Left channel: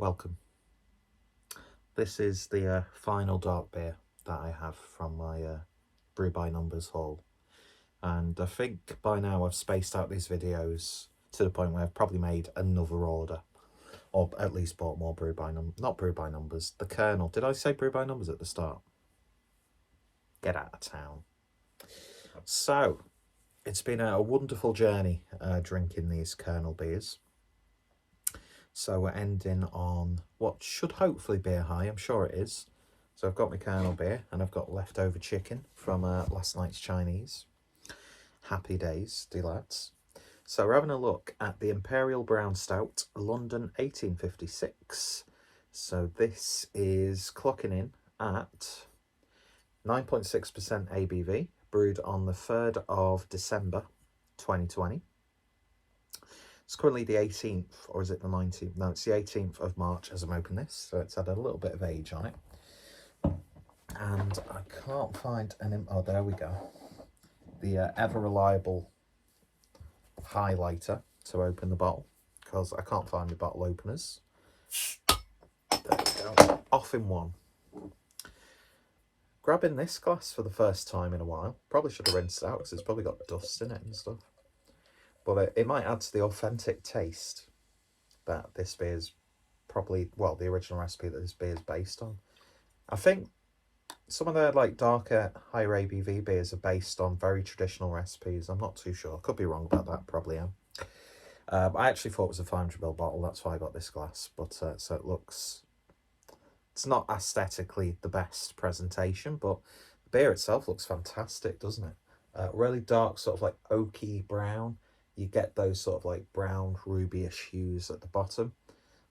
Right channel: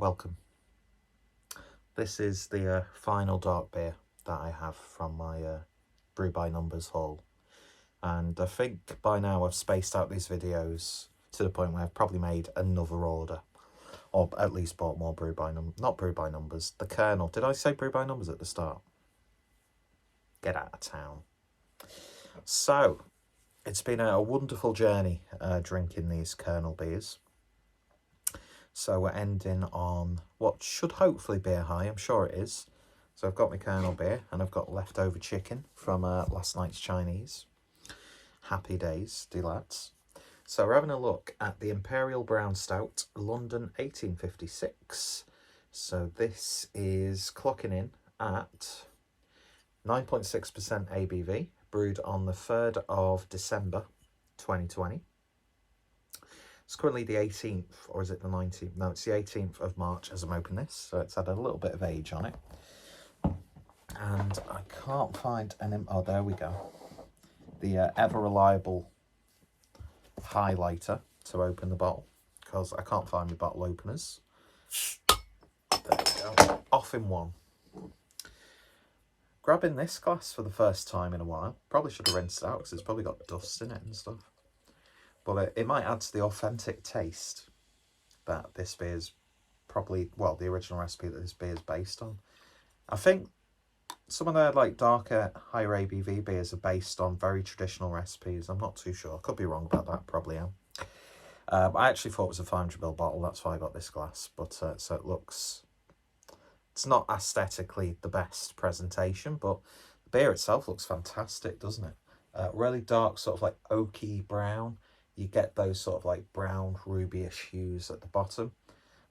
welcome. This is the final dark beer that I have from my Brew by Numbers haul. And I think by now I've spaced out these videos to the point where I've probably made another order. Or at least bought more Brew by Numbers. Not Brew by Numbers, the Kernel. Did I say Brew by Numbers at the start? Get out of town. So, it's been a wonderful journey drinking these Kernel beers. So we're ending on what should hopefully be a high. I'm sure it is. So I've got my Kernel beer and I've got leftover chicken from last night's Chinese. Happy days, lads. So we're having a look at the Imperial Brown Stout, London 1856. So this is clocking in at 9.6% ABV, brewed on the 3rd of December 2020. It's currently the 18th, or is it the 19th? No, it's the 18th of March as I'm opening this, so it's had a little bit of age on it. And I can't find any... Oh, there we go. The ever-reliable highlighter to open the bottle, because I can't find my bottle openers. There we go. Off in one. Grabbing this glass for the first time in a while. Probably should have rinsed it out, because it's probably got dust in it and stuff. But it might add to the authentic taste that this beer is probably, well, the original recipe that this beer is based on. I think some of their like darker, higher ABV beers are based on very traditional recipes. I'm not too sure. I could be wrong about that. Probably am. I actually thought it was a 500ml bottle. That's why I got this glass. But so it looks... It's not aesthetically the best presentation, but the beer itself looks fantastic, doesn't it? Really dark, sort of like oaky brown. You get those sort of like brown rubyish hues at the bottom.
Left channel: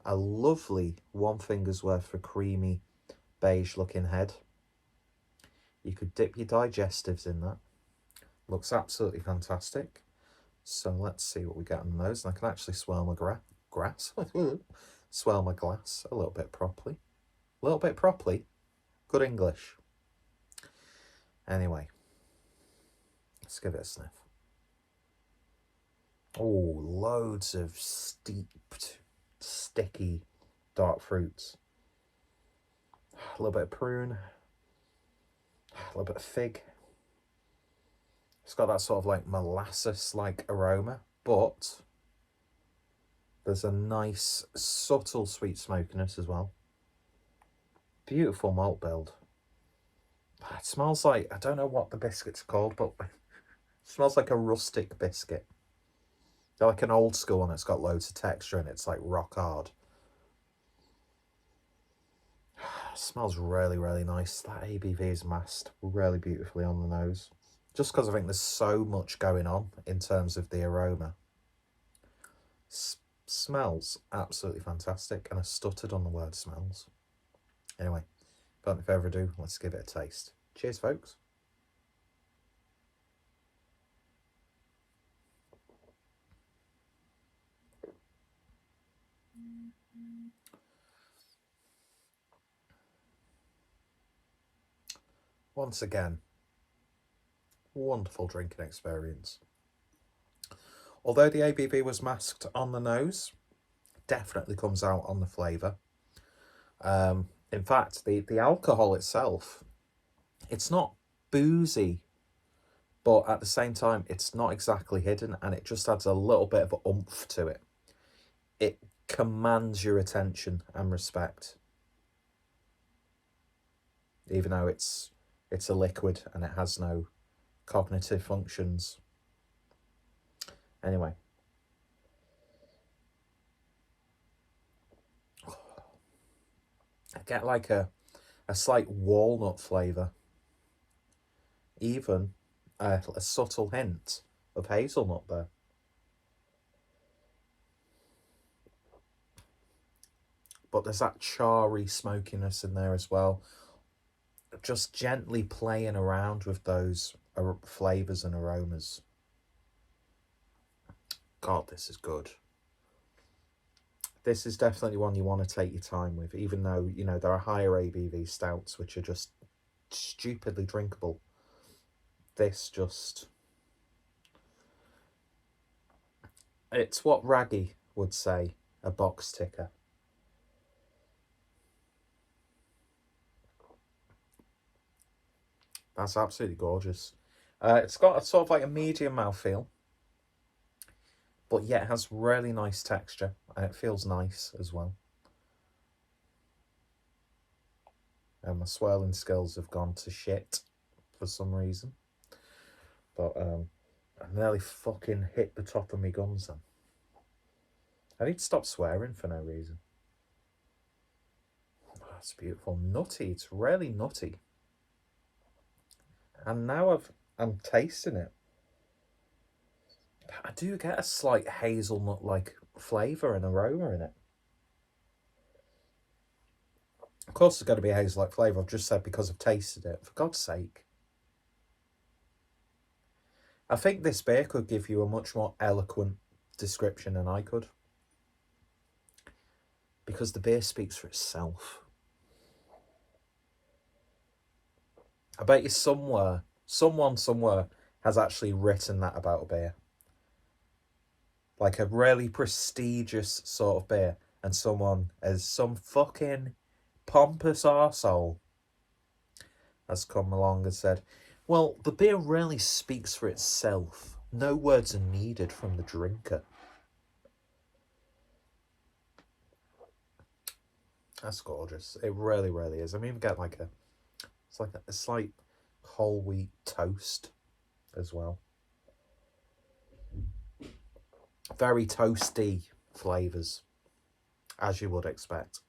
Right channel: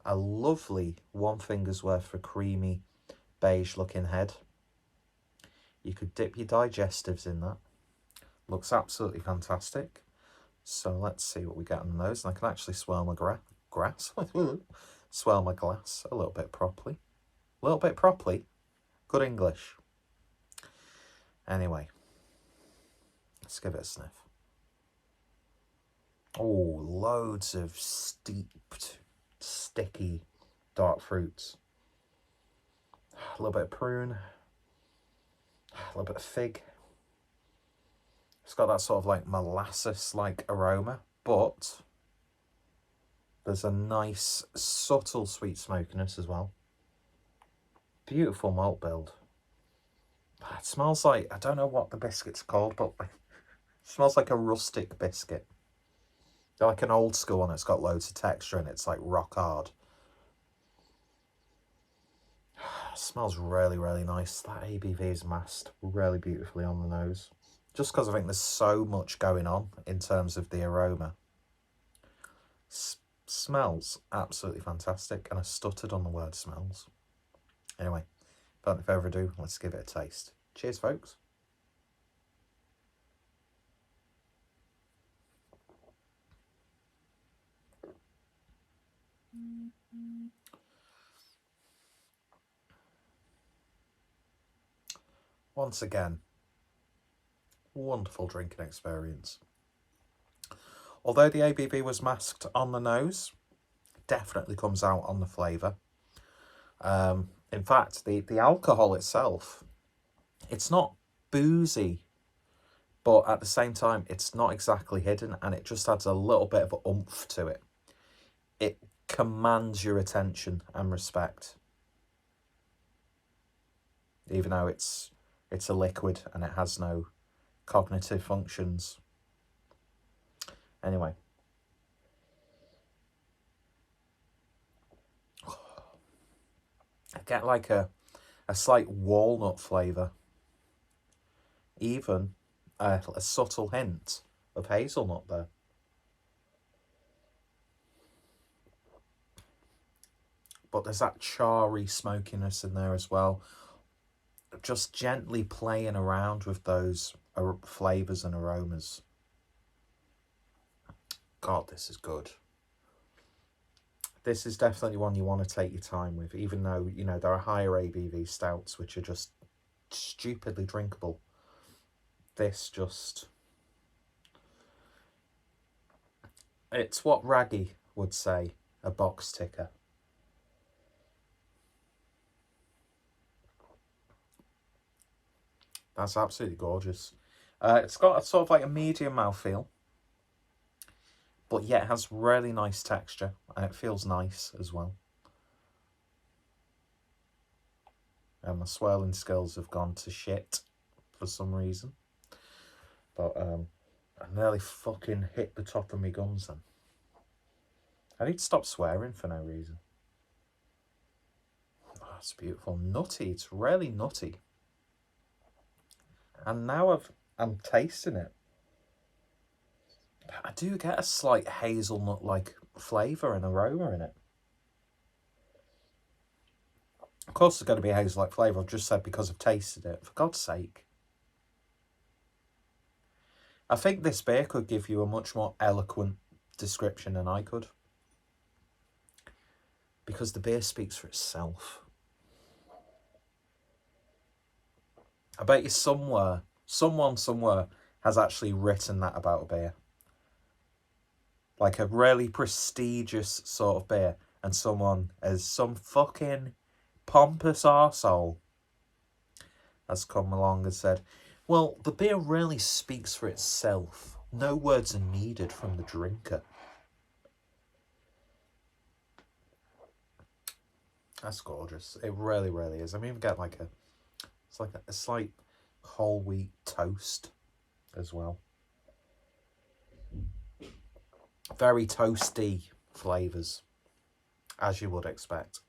A lovely one finger's worth of creamy beige looking head. You could dip your digestives in that. Looks absolutely fantastic. So let's see what we get on those. And I can actually swirl my swirl my glass a little bit properly. A little bit properly. Good English. Anyway, let's give it a sniff. Oh, loads of steeped, sticky, dark fruits. A little bit of prune. A little bit of fig. It's got that sort of like molasses-like aroma, but there's a nice, subtle sweet smokiness as well. Beautiful malt build. It smells like, I don't know what the biscuit's called, but it smells like a rustic biscuit. They're like an old school one that's got loads of texture and it's like rock hard. It smells really, really nice. That ABV is masked really beautifully on the nose. Just because I think there's so much going on in terms of the aroma. Smells absolutely fantastic. And I stuttered on the word smells. Anyway, without further ado, let's give it a taste. Cheers, folks. Once again, wonderful drinking experience. Although the ABV was masked on the nose, definitely comes out on the flavour. In fact, the alcohol itself, it's not boozy, but at the same time, it's not exactly hidden, and it just adds a little bit of oomph to it. It commands your attention and respect, even though it's a liquid and it has no cognitive functions. Anyway. I get like a slight walnut flavour. Even a subtle hint of hazelnut there. But there's that charry smokiness in there as well. Just gently playing around with those flavours and aromas. God, this is good. This is definitely one you want to take your time with, even though, you know, there are higher ABV stouts which are just stupidly drinkable. This just... It's what Raggy would say, a box ticker. That's absolutely gorgeous. It's got a sort of like a medium mouthfeel, but yet it has really nice texture, and it feels nice as well. And my swirling skills have gone to shit for some reason. But I nearly fucking hit the top of my gums then. I need to stop swearing for no reason. Oh, it's beautiful. Nutty. It's really nutty. And now I'm tasting it. I do get a slight hazelnut-like flavour and aroma in it. Of course there's going to be a hazel-like flavour. I've just said because I've tasted it. For God's sake. I think this beer could give you a much more eloquent description than I could. Because the beer speaks for itself. I bet you someone somewhere has actually written that about a beer. Like a really prestigious sort of beer. And someone as some fucking pompous arsehole has come along and said, well, the beer really speaks for itself. No words are needed from the drinker. That's gorgeous. It really, really is. I mean, we get like a slight whole wheat toast as well. Very toasty flavours, as you would expect.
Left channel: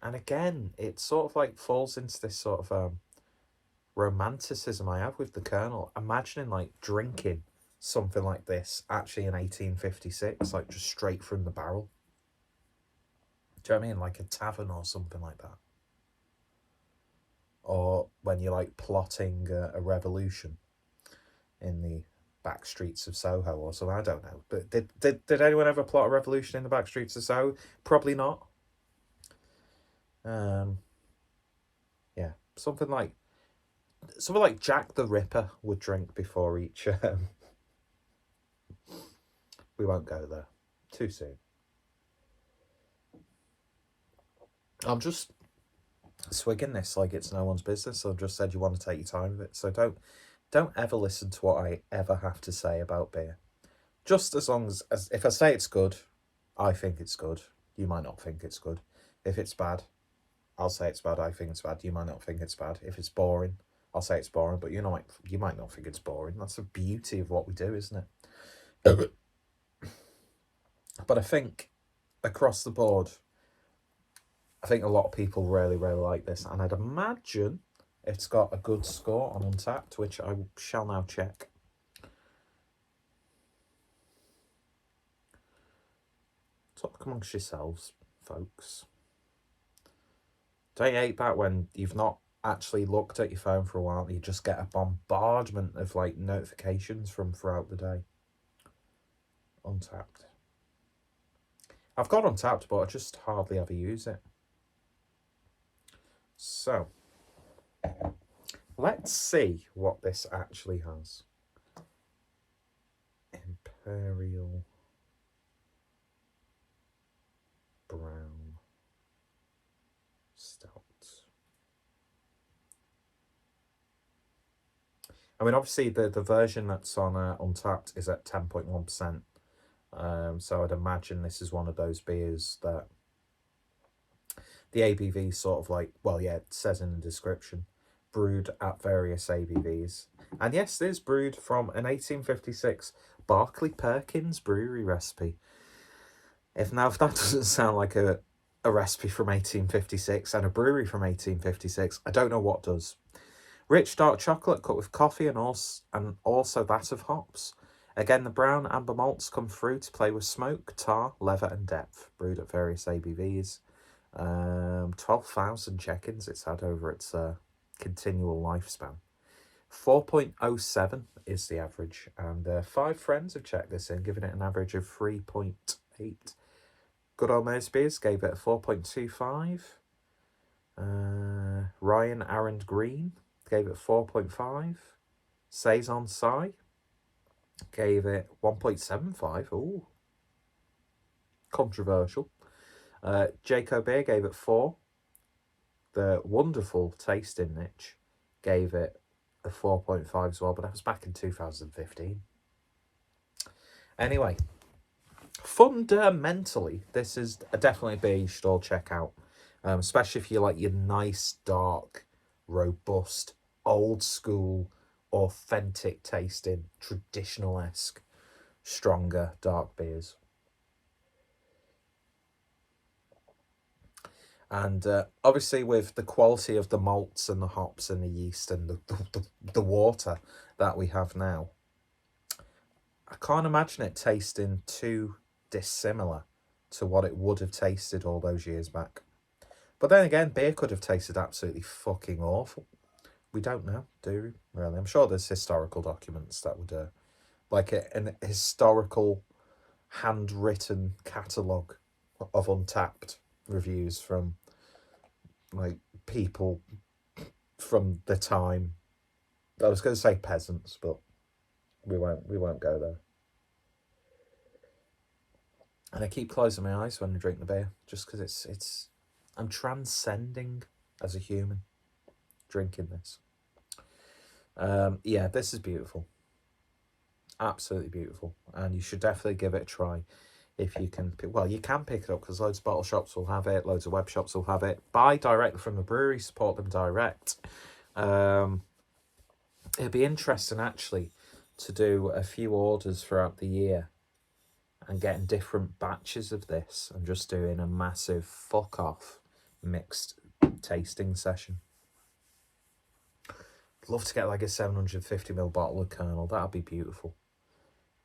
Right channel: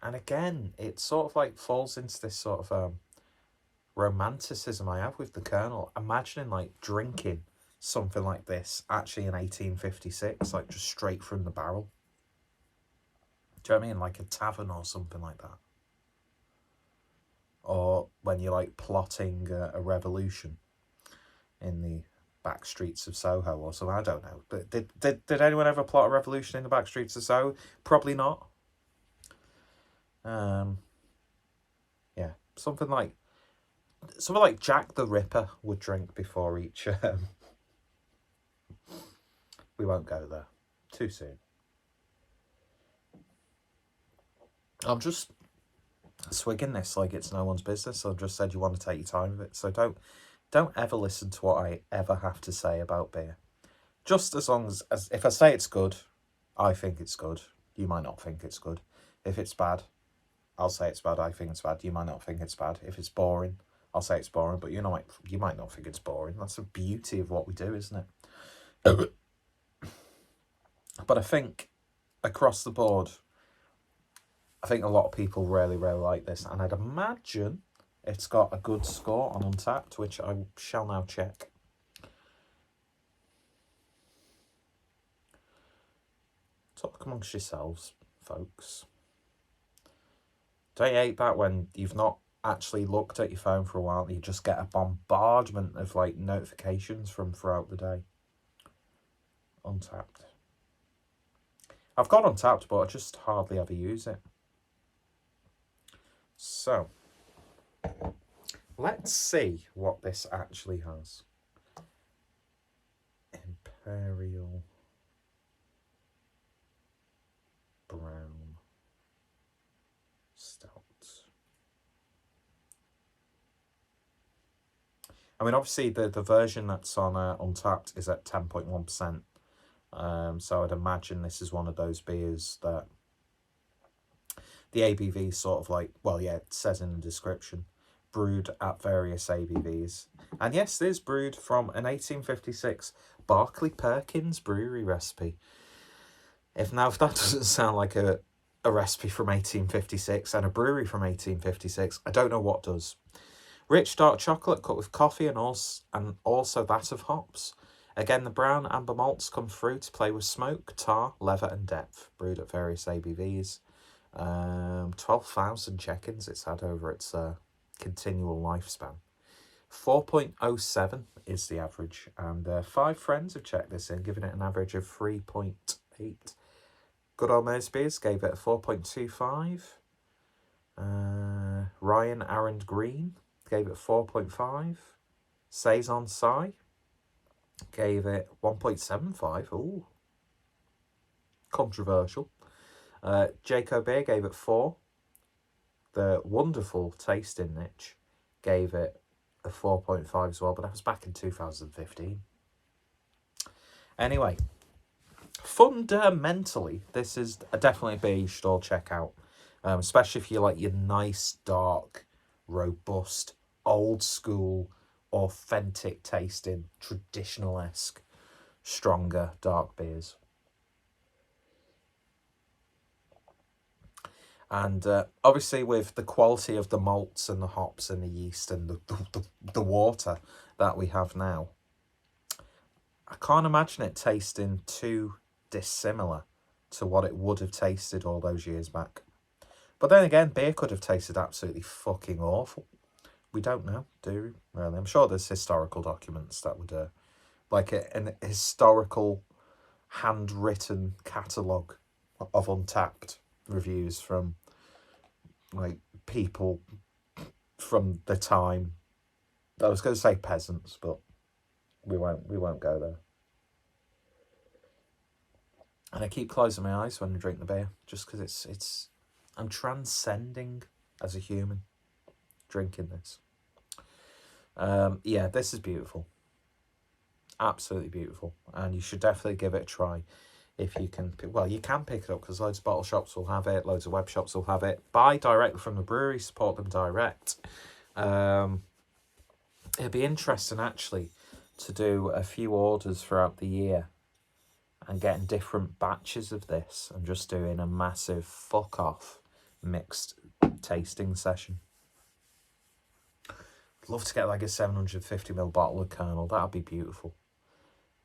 And again, it sort of like falls into this sort of romanticism I have with the Kernel. Imagining like drinking something like this actually in 1856, like just straight from the barrel. Do you know what I mean? Like a tavern or something like that. Or when you're like plotting a revolution in the back streets of Soho or something. I don't know. But did anyone ever plot a revolution in the back streets of Soho? Probably not. Yeah, something like Jack the Ripper would drink before each. We won't go there. Too soon. I'm just swigging this like it's no one's business. I've just said you want to take your time with it. So don't ever listen to what I ever have to say about beer. Just as long as if I say it's good, I think it's good. You might not think it's good. If it's bad, I'll say it's bad. I think it's bad. You might not think it's bad. If it's boring, I'll say it's boring. But you might not think it's boring. That's the beauty of what we do, isn't it? But I think across the board, I think a lot of people really, really like this. And I'd imagine it's got a good score on Untappd, which I shall now check. Talk amongst yourselves, folks. Don't you hate that when you've not actually looked at your phone for a while and you just get a bombardment of like notifications from throughout the day? Untappd. I've got Untappd, but I just hardly ever use it. So, let's see what this actually has. Imperial Brown Stout. I mean, obviously, the version that's on Untappd is at 10.1%. So I'd imagine this is one of those beers that the ABV sort of like, well, yeah, it says in the description, brewed at various ABVs. And yes, it is brewed from an 1856 Barclay Perkins Brewery recipe. If that doesn't sound like a recipe from 1856 and a brewery from 1856, I don't know what does. Rich dark chocolate cut with coffee and also that of hops. Again, the brown amber malts come through to play with smoke, tar, leather and depth. Brewed at various ABVs. 12,000 check-ins it's had over its continual lifespan. 4.07 is the average, and 5 friends have checked this in, giving it an average of 3.8. Good Old Mose Beers gave it a 4.25. Ryan Aaron Green gave it 4.5. Saison Sai gave it 1.75. Ooh, controversial. Jacob Beer gave it 4. the wonderful tasting niche gave it a 4.5 as well, but that was back in 2015. Anyway, fundamentally, this is definitely a beer you should all check out, especially if you like your nice, dark, robust, old school, authentic tasting, traditional-esque, stronger dark beers. And obviously with the quality of the malts and the hops and the yeast and the water that we have now, I can't imagine it tasting too dissimilar to what it would have tasted all those years back. But then again, beer could have tasted absolutely fucking awful. We don't know, do we? Really? I'm sure there's historical documents that would, like an historical handwritten catalogue of Untappd reviews from like people from the time. I was going to say peasants, but we won't go there. And I keep closing my eyes when I drink the beer, just because it's I'm transcending as a human drinking this. Yeah, this is beautiful, absolutely beautiful, and you should definitely give it a try. If you can, well, you can pick it up because loads of bottle shops will have it, loads of web shops will have it. Buy directly from the brewery, support them direct. It'd be interesting actually to do a few orders throughout the year and getting different batches of this and just doing a massive fuck off mixed tasting session. I'd love to get like a 750ml bottle of Kernel. That'd be beautiful.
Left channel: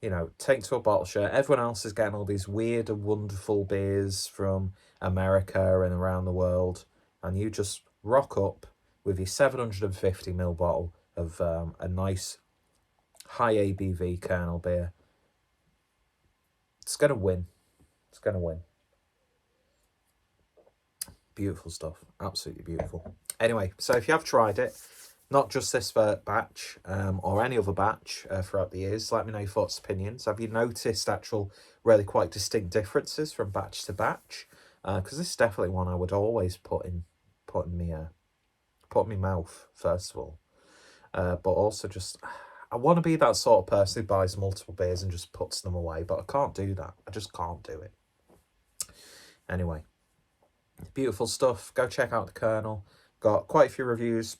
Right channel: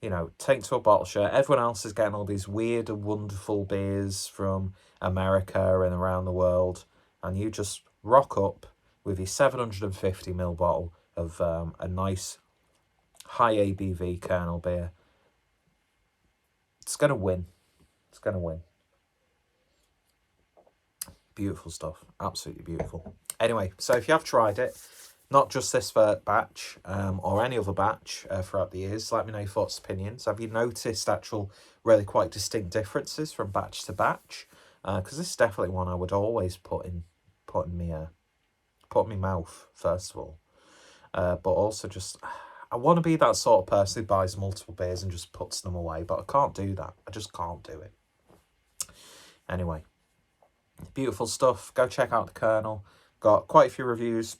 You know, take to a bottle share. Everyone else is getting all these weird and wonderful beers from America and around the world, and you just rock up with your 750ml bottle of a nice high ABV Kernel beer. It's gonna win. It's gonna win. Beautiful stuff. Absolutely beautiful. Anyway, so if you have tried it, not just this batch or any other batch throughout the years, let me know your thoughts, opinions. Have you noticed actual really quite distinct differences from batch to batch? Because this is definitely one I would always put in my mouth first of all, but also just I want to be that sort of person who buys multiple beers and just puts them away, but I can't do that. I just can't do it. Anyway, beautiful stuff. Go check out the Kernel. Got quite a few reviews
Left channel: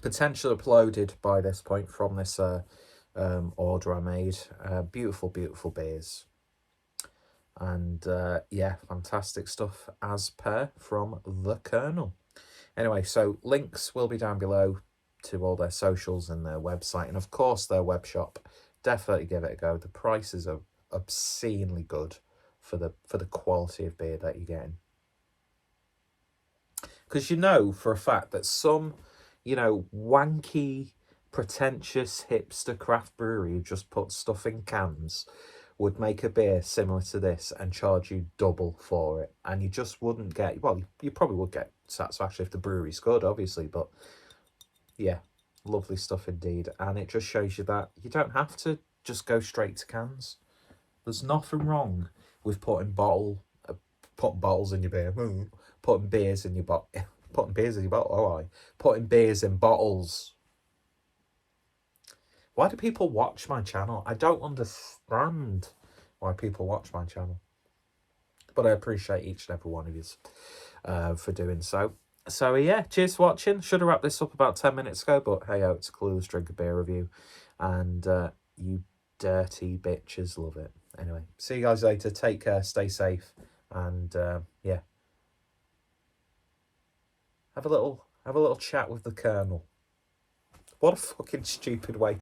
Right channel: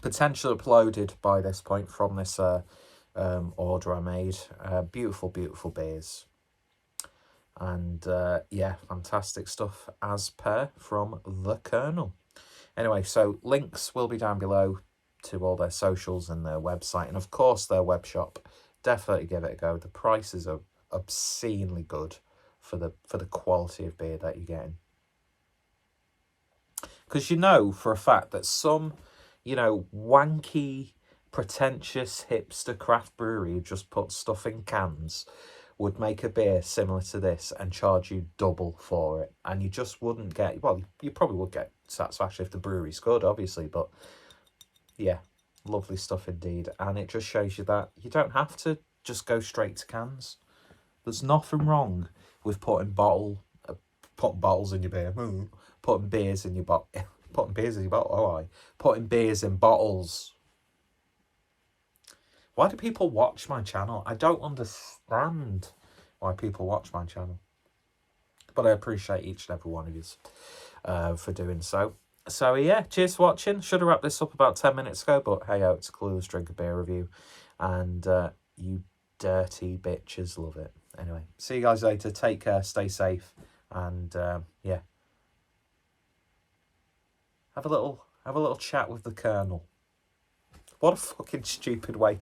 potentially uploaded by this point from this order I made. Beautiful beers, and yeah, fantastic stuff as per from the Kernel. Anyway, so links will be down below to all their socials and their website, and of course their web shop. Definitely give it a go. The prices are obscenely good for the quality of beer that you're getting, because you know for a fact that some, you know, wanky, pretentious hipster craft brewery who just puts stuff in cans would make a beer similar to this and charge you double for it. And you just wouldn't get, well, you probably would get satisfaction if the brewery's good, obviously. But yeah, lovely stuff indeed. And it just shows you that you don't have to just go straight to cans. There's nothing wrong with putting bottles in your beer, putting beers in your bottle. Putting beers in your bottle, putting beers in bottles. Why do people watch my channel? I don't understand why people watch my channel. But I appreciate each and every one of you for doing so. So yeah, cheers for watching. Should have wrapped this up about 10 minutes ago, but hey, it's a clueless drink a beer review. And you dirty bitches love it. Anyway, see you guys later. Take care, stay safe, and yeah. Have a little chat with the Kernel. What a fucking stupid way